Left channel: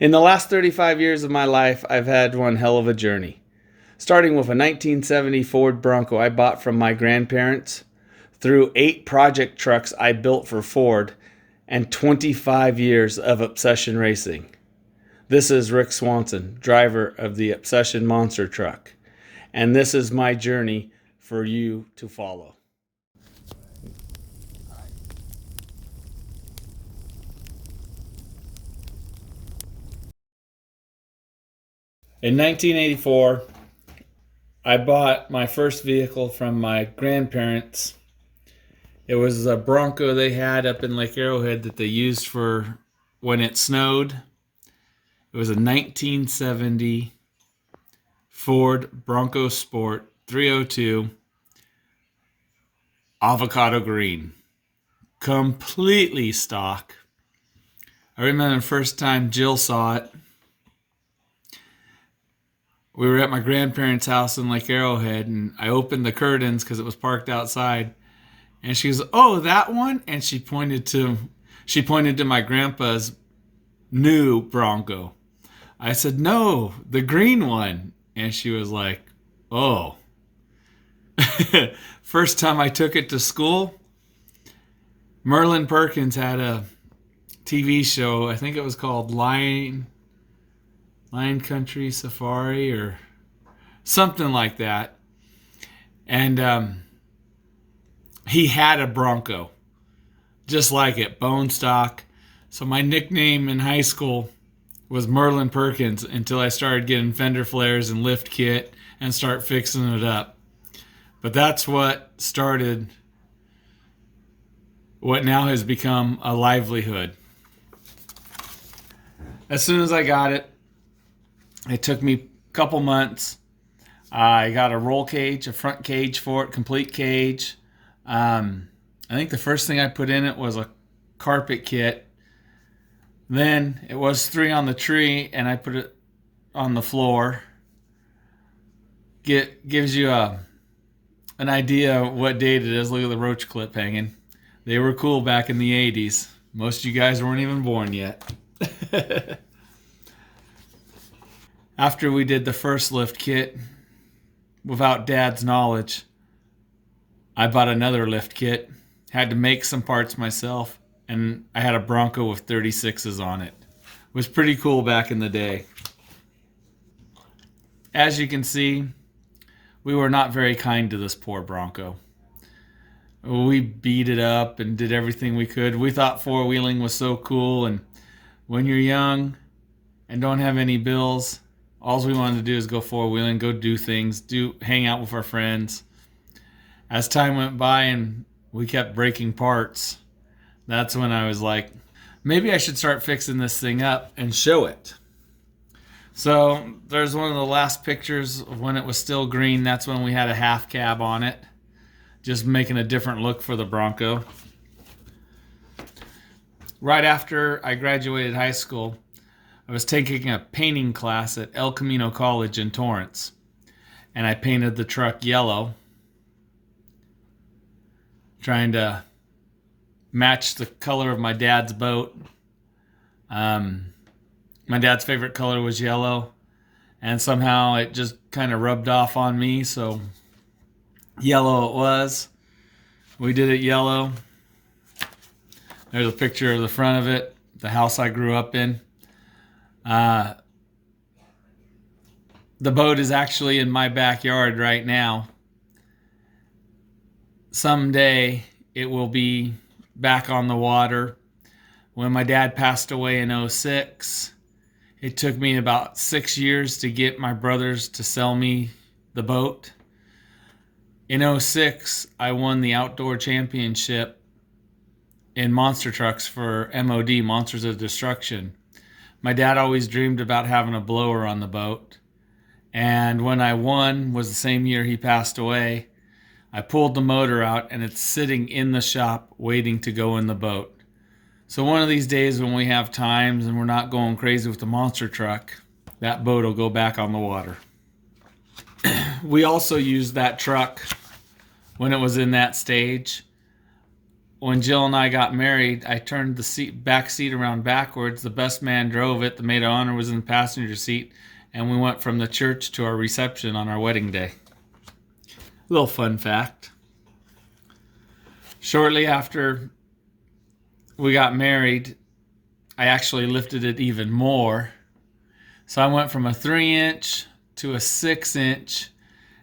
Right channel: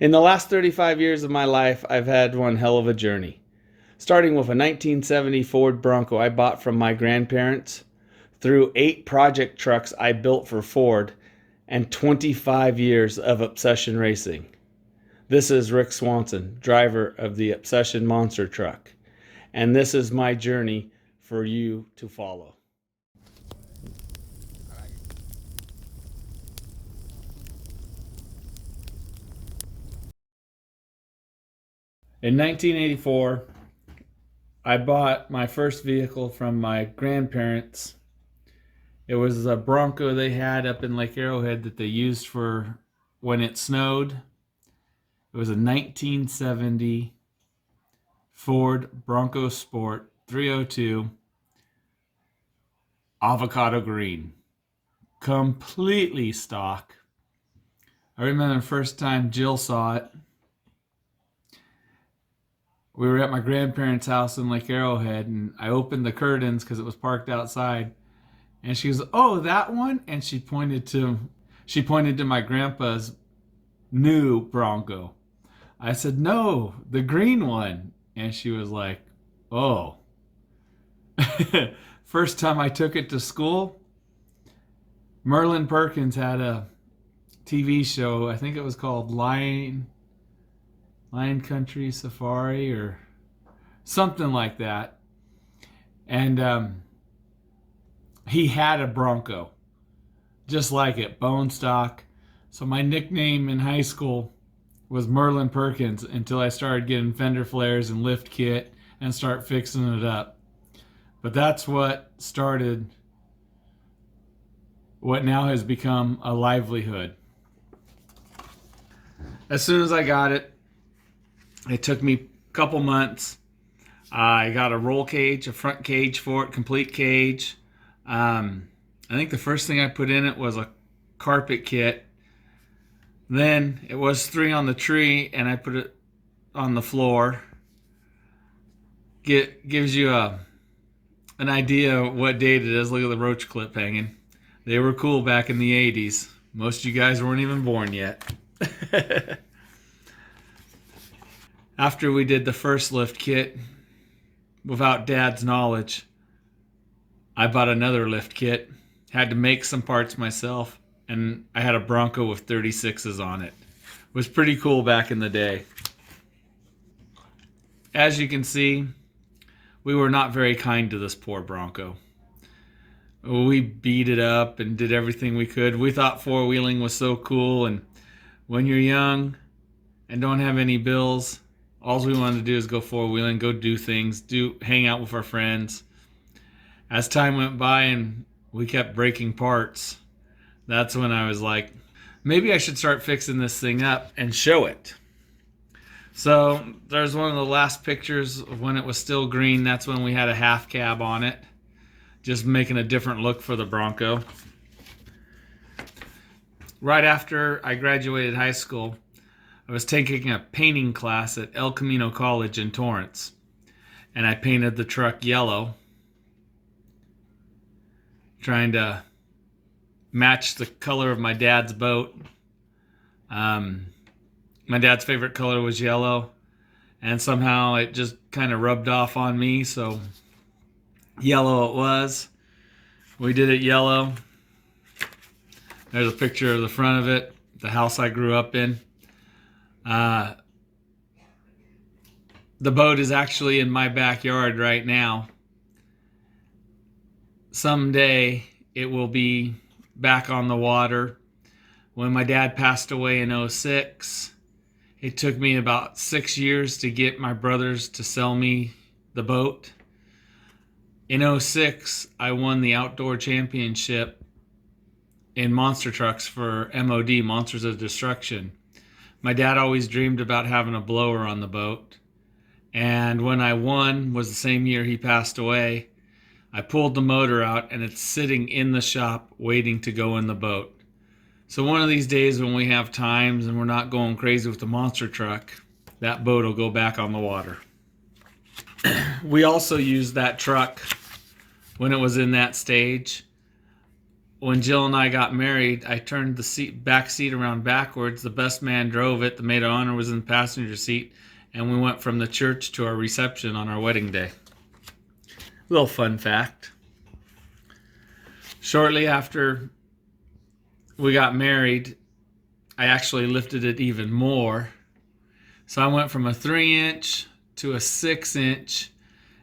In the last 35 years of my life, I've had one hell of a journey. Starting with a 1970 Ford Bronco I bought from my grandparents, through 8 project trucks I built for Ford, and 25 years of Obsession racing. This is Rick Swanson, driver of the Obsession Monster Truck, and this is my journey for you to follow. In 1984, I bought my first vehicle from my grandparents. It was a Bronco they had up in Lake Arrowhead that they used for when it snowed. It was a 1970 Ford Bronco Sport 302 avocado green. Completely stock. I remember the first time Jill saw it. We were at my grandparents' house in Lake Arrowhead, and I opened the curtains because it was parked outside. And she goes, "Oh, that one?" And she pointed to my grandpa's new Bronco. I said, "No, the green one." And she was like, "Oh." First time I took it to school, Merlin Perkins had a TV show. I think it was called Lion Country Safari or something like that. And he had a Bronco, just like it, bone stock. So my nickname in high school was Merlin Perkins until I started getting fender flares and lift kit and start fixing it up. But that's what started what now has become a livelihood. As soon as I got it, it took me a couple months. I got a roll cage, a front cage for it, complete cage. I think the first thing I put in it was a carpet kit. Then it was 3 on the tree, and I put it on the floor. Gives you an idea of what date it is. Look at the roach clip hanging. They were cool back in the 80s. Most of you guys weren't even born yet. After we did the first lift kit, without Dad's knowledge, I bought another lift kit. Had to make some parts myself, and I had a Bronco with 36s on it. It was pretty cool back in the day. As you can see, we were not very kind to this poor Bronco. We beat it up and did everything we could. We thought four-wheeling was so cool, and when you're young and don't have any bills, all we wanted to do is go four-wheeling, go do things, hang out with our friends. As time went by and we kept breaking parts, that's when I was like, maybe I should start fixing this thing up and show it. So there's one of the last pictures of when it was still green. That's when we had a half cab on it, just making a different look for the Bronco. Right after I graduated high school, I was taking a painting class at El Camino College in Torrance, and I painted the truck yellow, trying to match the color of my dad's boat. My dad's favorite color was yellow, and somehow it just kind of rubbed off on me, so yellow it was. We did it yellow. There's a picture of the front of it, the house I grew up in. The boat is actually in my backyard right now. Someday it will be back on the water. When my dad passed away in '06, it took me about 6 years to get my brothers to sell me the boat. In '06, I won the outdoor championship in monster trucks for MOD, Monsters of Destruction. My dad always dreamed about having a blower on the boat. And when I won, was the same year he passed away, I pulled the motor out and it's sitting in the shop waiting to go in the boat. So one of these days when we have times and we're not going crazy with the monster truck, that boat will go back on the water. We also used that truck when it was in that stage. when Jill and I got married, I turned the back seat around backwards. The best man drove it. The maid of honor was in the passenger seat, and we went from the church to our reception on our wedding day. Little fun fact. Shortly after we got married, I actually lifted it even more. So I went from a 3-inch to a 6-inch,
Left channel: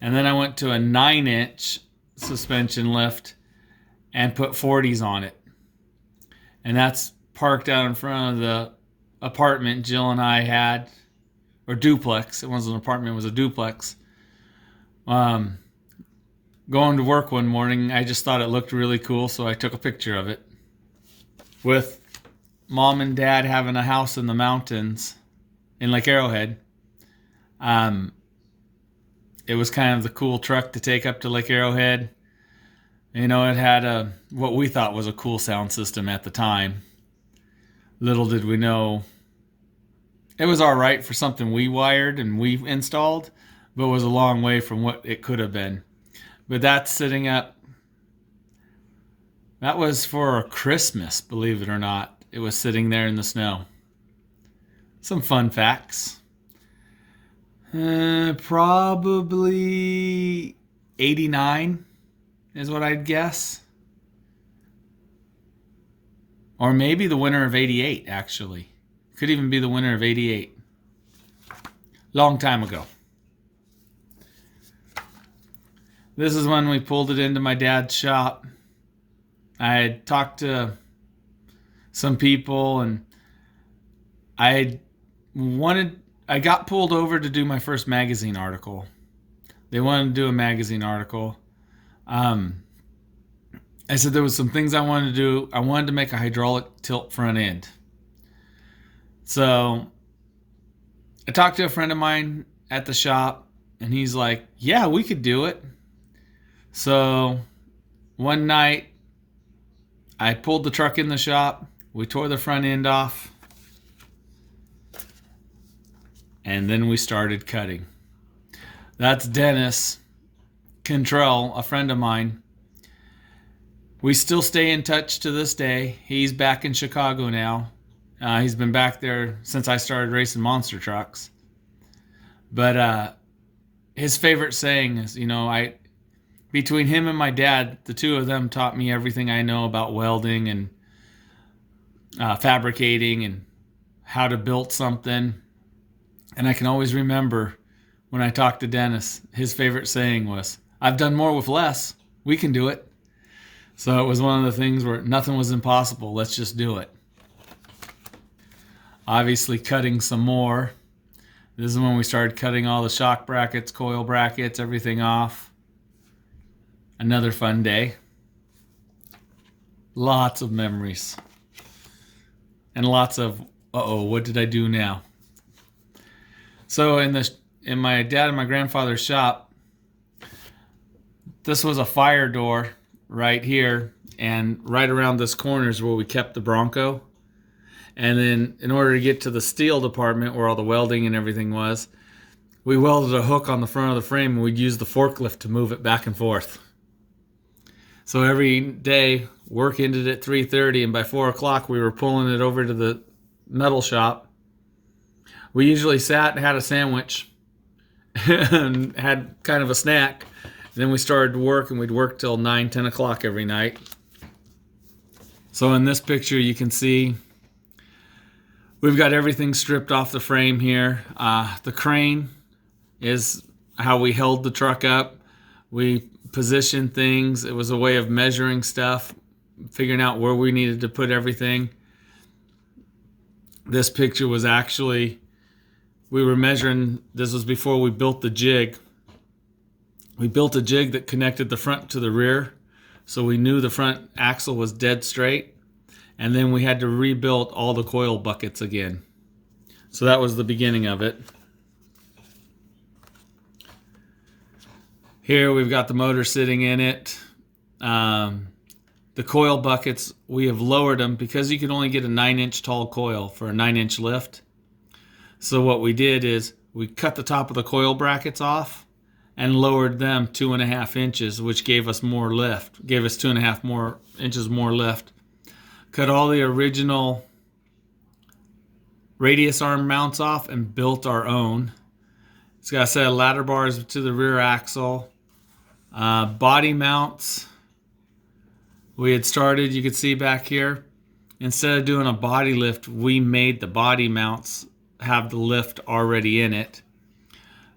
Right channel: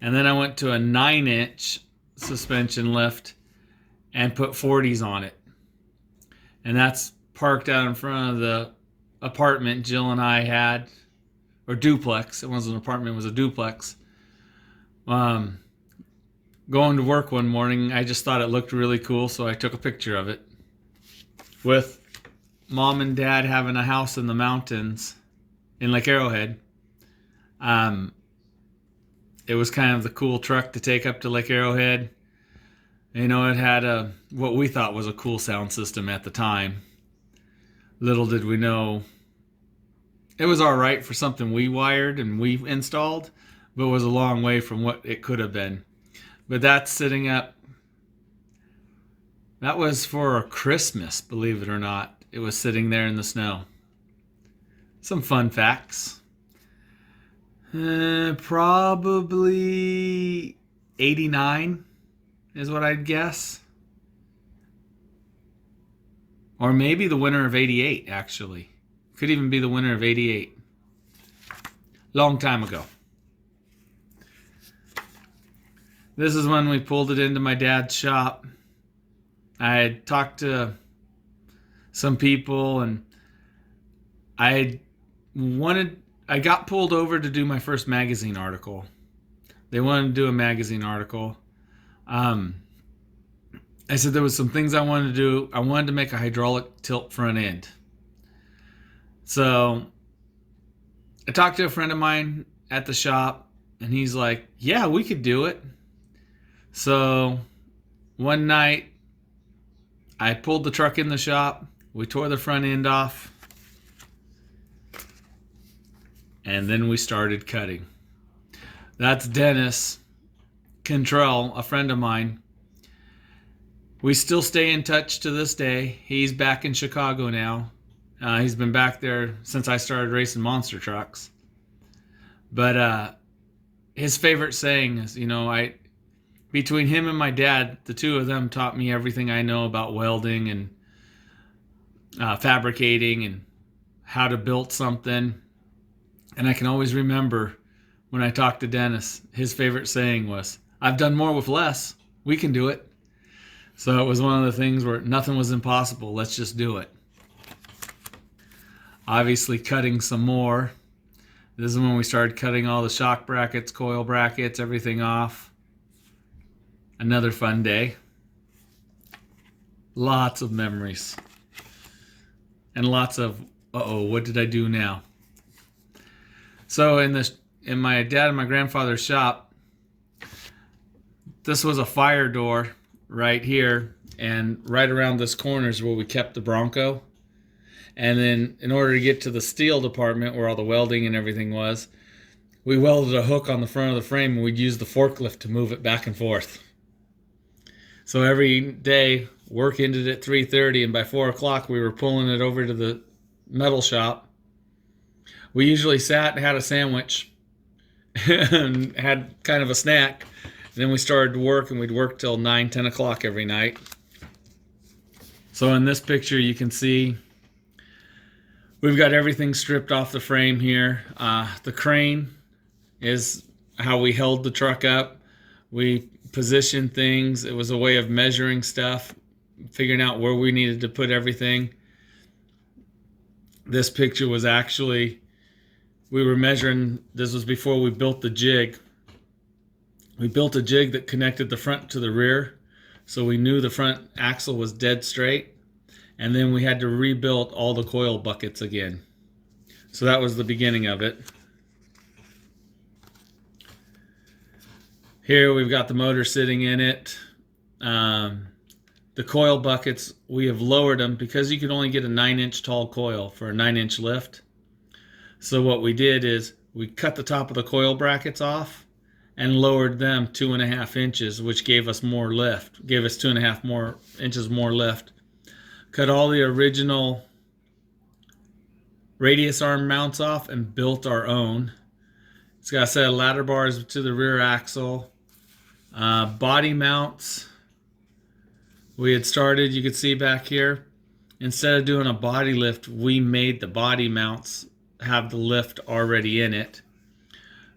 and then I went to a 9-inch suspension lift and put 40s on it. And that's parked out in front of the apartment Jill and I had, or duplex. It wasn't an apartment, it was a duplex. Going to work one morning, I just thought it looked really cool, so I took a picture of it. With Mom and Dad having a house in the mountains in Lake Arrowhead, it was kind of the cool truck to take up to Lake Arrowhead. You know, it had what we thought was a cool sound system at the time. Little did we know it was all right for something we wired and we installed, but was a long way from what it could have been. But that's sitting up. That was for Christmas, believe it or not. It was sitting there in the snow. Some fun facts. Probably 89 is what I'd guess. Or maybe the winter of 88, actually. Could even be the winter of 88. Long time ago. This is when we pulled it into my dad's shop. I had talked to some people, and I got pulled over to do my first magazine article. They wanted to do a magazine article. I said there was some things I wanted to do. I wanted to make a hydraulic tilt front end. So I talked to a friend of mine at the shop, and he's like, yeah, we could do it. So one night I pulled the truck in the shop. We tore the front end off. And then we started cutting. That's Dennis Cantrell, a friend of mine. We still stay in touch to this day. He's back in Chicago now. He's been back there since I started racing monster trucks. But his favorite saying is, between him and my dad, the two of them taught me everything I know about welding and fabricating and how to build something. And I can always remember when I talked to Dennis, his favorite saying was, I've done more with less. We can do it. So it was one of the things where nothing was impossible. Let's just do it. Obviously cutting some more. This is when we started cutting all the shock brackets, coil brackets, everything off. Another fun day. Lots of memories. And lots of, what did I do now? So in my dad and my grandfather's shop, this was a fire door right here, and right around this corner is where we kept the Bronco. And then in order to get to the steel department where all the welding and everything was, we welded a hook on the front of the frame, and we'd use the forklift to move it back and forth. So every day, work ended at 3:30, and by 4 o'clock, we were pulling it over to the metal shop. We usually sat and had a sandwich and had kind of a snack. Then we started to work, and we'd work till 9, 10 o'clock every night. So in this picture, you can see we've got everything stripped off the frame here. The crane is how we held the truck up. We positioned things. It was a way of measuring stuff, figuring out where we needed to put everything. This picture was actually, we were measuring, this was before we built the jig. We built a jig that connected the front to the rear, so we knew the front axle was dead straight. And then we had to rebuild all the coil buckets again. So that was the beginning of it. Here we've got the motor sitting in it. The coil buckets, we have lowered them because you can only get a 9-inch tall coil for a 9-inch lift. So what we did is we cut the top of the coil brackets off, and lowered them 2.5 inches, which gave us more lift, gave us 2.5 inches more lift. Cut all the original radius arm mounts off and built our own. It's got a set of ladder bars to the rear axle. Body mounts. We had started, you could see back here, instead of doing a body lift, we made the body mounts have the lift already in it.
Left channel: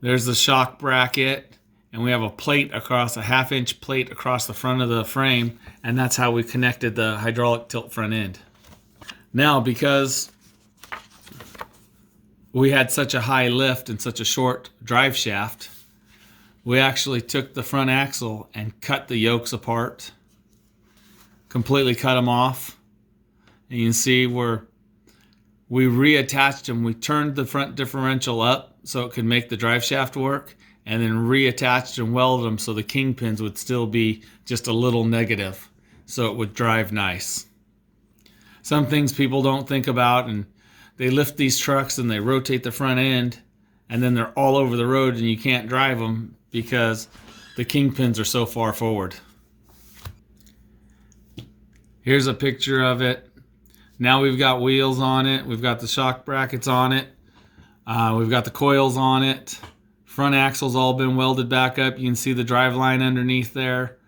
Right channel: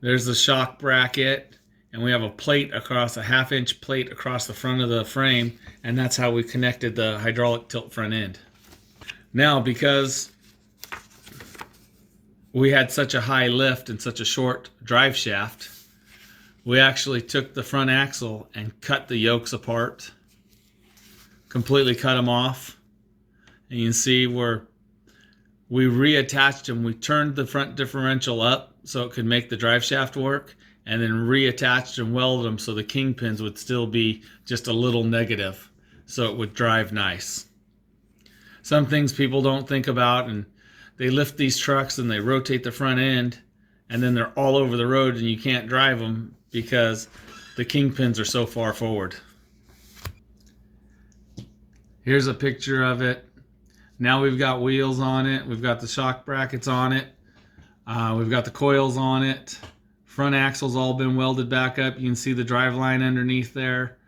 There's the shock bracket, and we have a plate across, a 1/2 inch plate across the front of the frame, and that's how we connected the hydraulic tilt front end. Now, because we had such a high lift and such a short drive shaft, we actually took the front axle and cut the yokes apart, completely cut them off. And you can see where we reattached them. We turned the front differential up so it could make the drive shaft work, and then reattached and welded them so the kingpins would still be just a little negative so it would drive nice. Some things people don't think about, and they lift these trucks and they rotate the front end, and then they're all over the road and you can't drive them because the kingpins are so far forward. Here's a picture of it. Now we've got wheels on it. We've got the shock brackets on it. We've got the coils on it. Front axle's all been welded back up. You can see the drive line underneath there.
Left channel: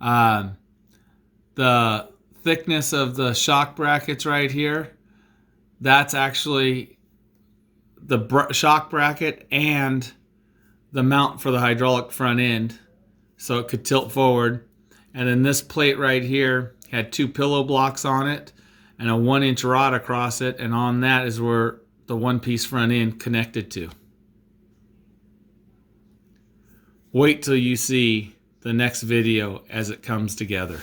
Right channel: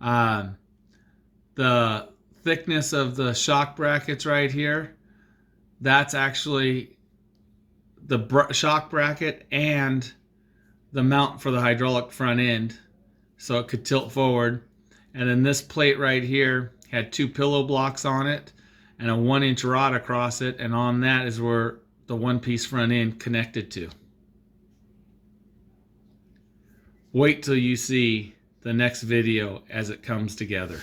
The thickness of the shock brackets right here, that's actually the shock bracket and the mount for the hydraulic front end, so it could tilt forward. And then this plate right here had 2 pillow blocks on it and a 1-inch rod across it, and on that is where the one-piece front end connected to. Wait till you see the next video as it comes together.